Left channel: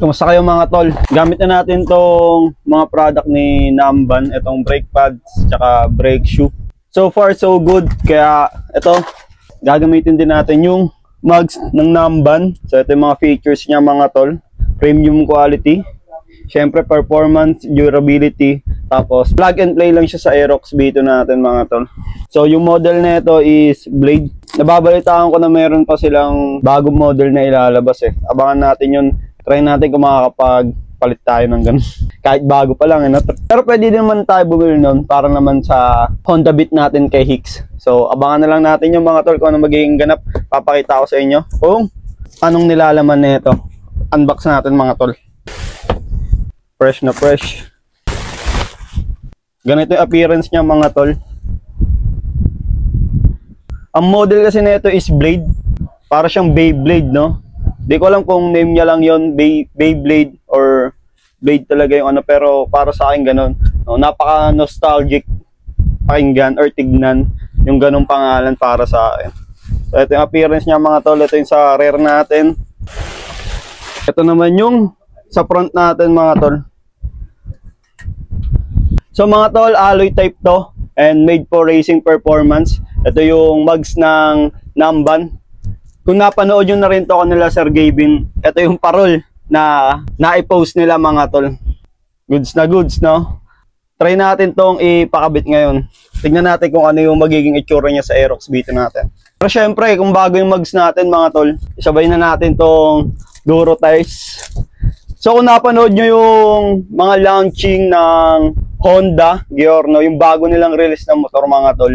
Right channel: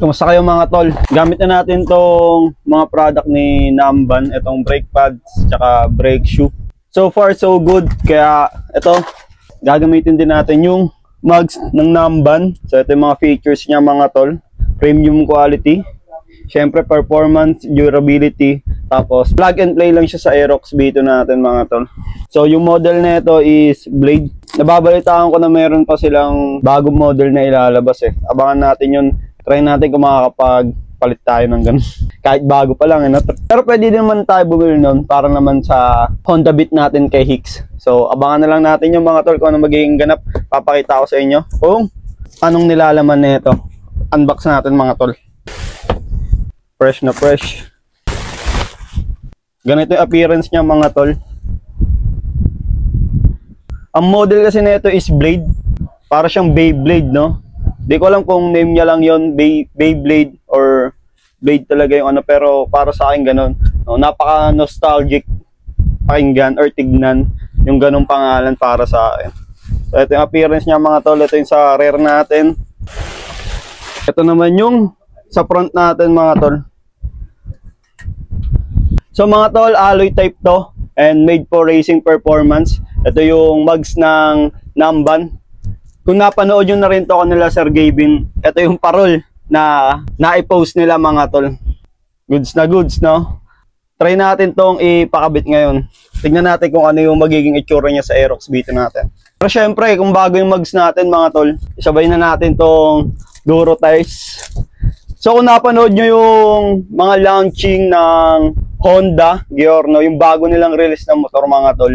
Kumusta kayo mga tol? Gamit na natin tong mga product ni Namban, itong brake pads tsaka brake shoe. So far so good, kaya ito gagamitin din natin yung mugs ng Namban. So ito yung mga features niya mga tol. Premium quality, syempre performance, durability, tapos plug and play lang siya sa Aerox B2 natin mga tol. So yung model na ito is Blade. Nababalitaan ko na meron pa silang bagong model na ilalabas eh. Abangan natin yun. Try natin kung makakapagpalit tayo ng ganun. Kahit bago pa lang. Pero pwede din naman tayo bumili nun para naman sa Honda Beat natin kay Hicks. So abangan na lang natin yung mga tol kung ano magiging ganap. Papakita ko sa inyo kung anong nilalaman na ito. Unbox natin mga tol. Fresh na fresh. Ganito yung appearance niya mga tol. Ang model kasi na ito is Blade. Para siyang Beyblade, no? Di ko alam kung name niya lang yon, Beyblade or Blade talaga yung ano, pero para sa akin ganun. No, napaka nostalgic pakinggan or tignan yung ganung pangalan para sa akin. So ito yung appearance niya mga tol. Ito yung sa rear natin. Ito naman yung sa front natin mga tol. So mga tol, alloy type to and made for racing performance. Ito yung mugs ng Namban. Kung napanood nyo na rin to kanila Sir Gavin, ito yung parol na na-post nila mga tol. Goods na goods, no? Try natin tong ipakabit ngayon. Tignan natin kung ano yung magiging itsura niya sa Aerox B2 natin. Pero syempre, kung bago yung mugs natin mga tol, isabay na natin tong Duro tires. So kung napanood nyo yung mga launching ng Honda Giorno, yung bago nilang release ng motor mga tol,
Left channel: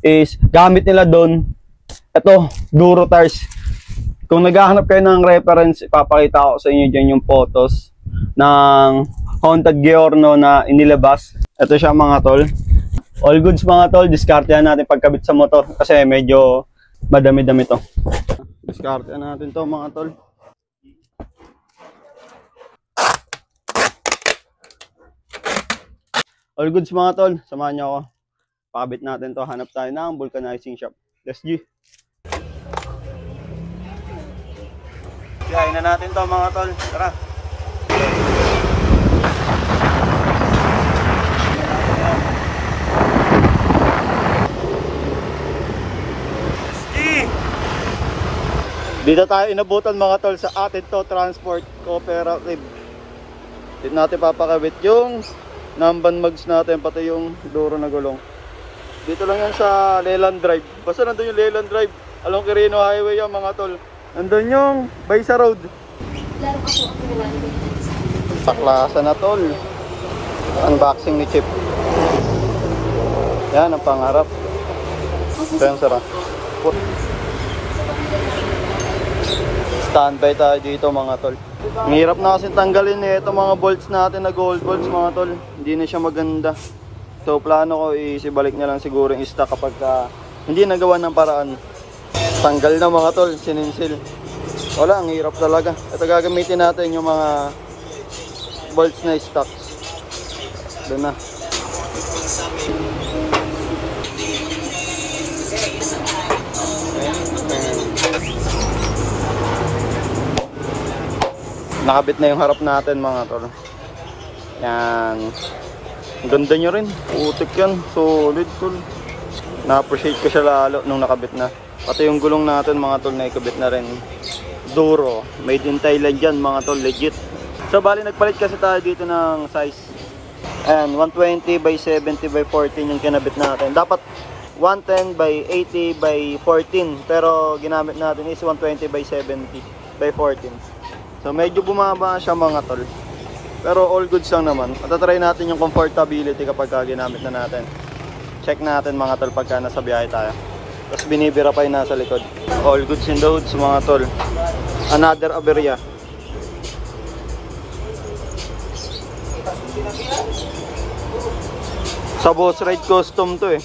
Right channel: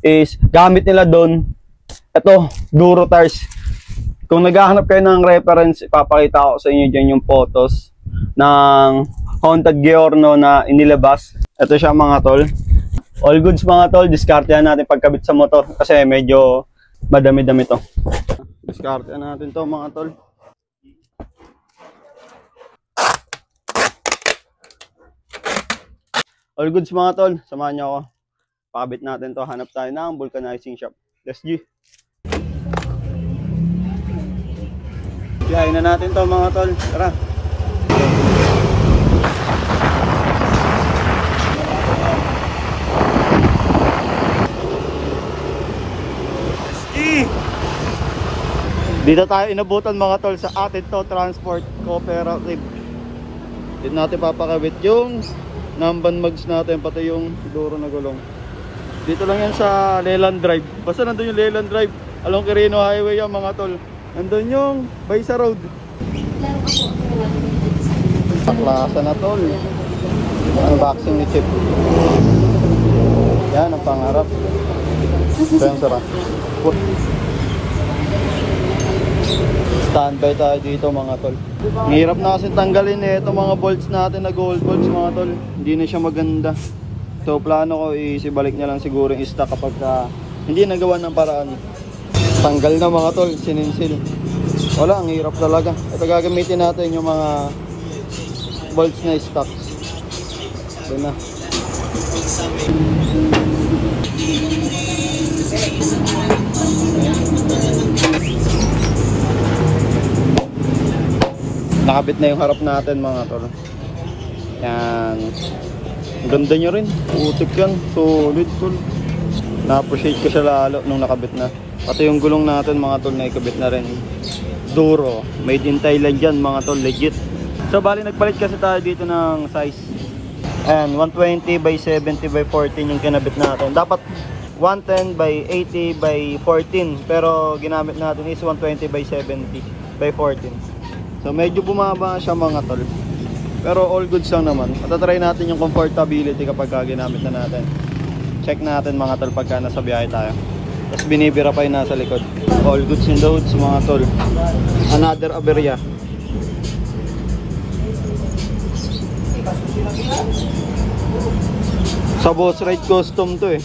is gamit nila doon ito, Duro tires. Kung naghahanap kayo ng reference, ipapakita ko sa inyo dyan yung photos ng Honda Giorno na inilabas. Ito siya mga tol. All goods mga tol, diskartehan natin pagkabit sa motor kasi medyo madami-dami to. Diskartehan natin to mga tol. All goods mga tol, samahan nyo ako. Pakabit natin to, hanap tayo ng vulcanizing shop. Let's go. Biyahin na natin to mga tol. Tara. Dito tayo inabutan mga tol sa Atento Transport Cooperative. Dito natin papakabit yung Namban mugs natin, pati yung Duro na gulong. Dito lang yan sa Leland Drive. Basta nandun yung Leland Drive along Quirino Highway yan mga tol. Nandun yung Baysa Road. Paklasa na tol. Unboxing ni Chip. Yan ang pangarap. Yan sarap. Standby tayo dito mga tol. Ang hirap na kasi tanggalin eh itong mga bolts natin na gold bolts mga tol. Hindi na siya maganda. So plano ko isibalik na lang siguro yung stock kapag hindi nagawa ng paraan. Tanggal na mga tol, sininsil. Wala, ang hirap talaga. Ito gagamitin natin yung mga bolts na stocks. Doon na. Nakabit na yung harap natin mga tol. Yan. Ang ganda nyo rin. Utik yan. Solid tol. Na-appreciate ko siya lalo nung nakabit na. Pati yung gulong natin mga tol na ikabit na rin. Duro. Made in Thailand yan mga tol. Legit. So bali nagpalit kasi tayo dito ng size. Ayan. 120 by 70 by 14 yung kinabit natin. Dapat 110 by 80 by 14. Pero ginamit natin is 120 by 70 by 14. So medyo bumaba siya mga tol. Pero all goods lang naman. Patatry natin yung comfortability kapag ginamit na natin. Check natin mga tol pagka nasa biyahe tayo. Tapos binibira pa yung nasa likod. All goods in the hoods mga tol. Another aberya. Sa Boss Ride custom to eh.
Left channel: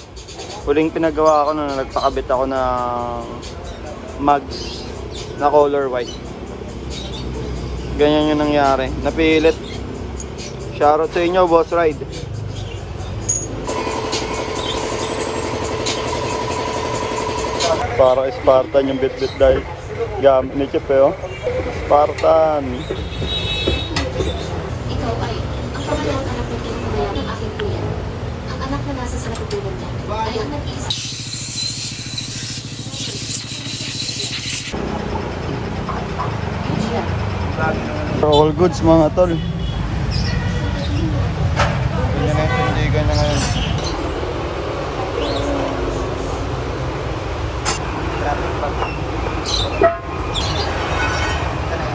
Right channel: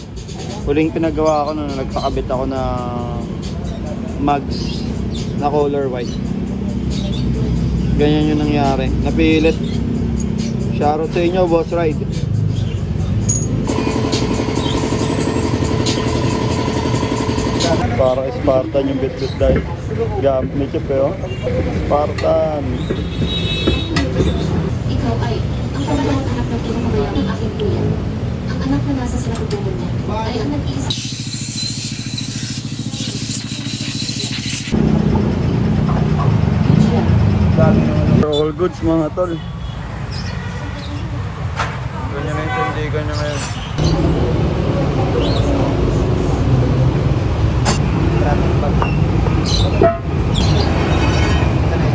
Huling pinagawa ko na nagpakabit ako ng mugs na color white. Ganyan yung nangyari. Napilit. Shoutout sa inyo, Boss Ride. Para Spartan yung bit-bit dahil Gamit ni Chip eh, oh. Spartan. Ikaw ay ang pangalawang anak ng kinakabayan ng aking kuya. Ang anak na nasa sa natutunan niya ay ang nag-iisa. All goods mga tol. Ganyan na yung tindigan na ngayon.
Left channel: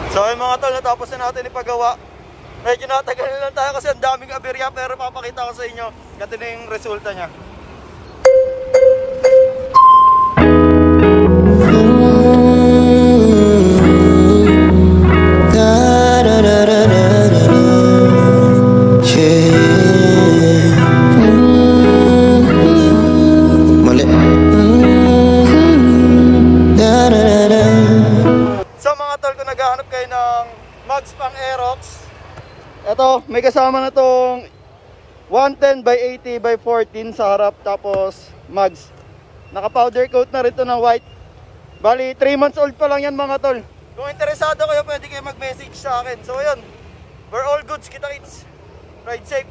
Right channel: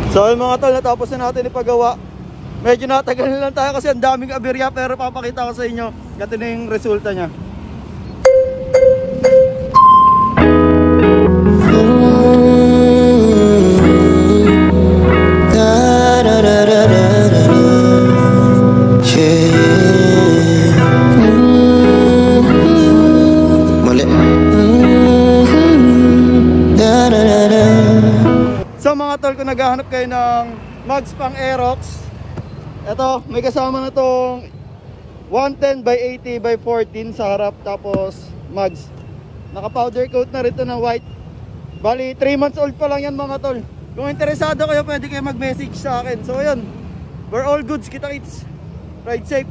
So yung mga tol, natapos na natin ipagawa. Medyo natagal na lang tayo kasi ang daming aberya, pero papakita ko sa inyo. Ganito na yung resulta niya. So mga tol, kung naghahanap kayo ng mugs pang Aerox, eto, may kasama na tong 110 by 80 by 14 sa harap, tapos mugs. Naka powder coat na rito na white. Bali 3 months old pa lang yan mga tol. Kung interesado kayo, pwede kayo mag-message sa akin. So yun, we're all goods, kita kits. Ride safe.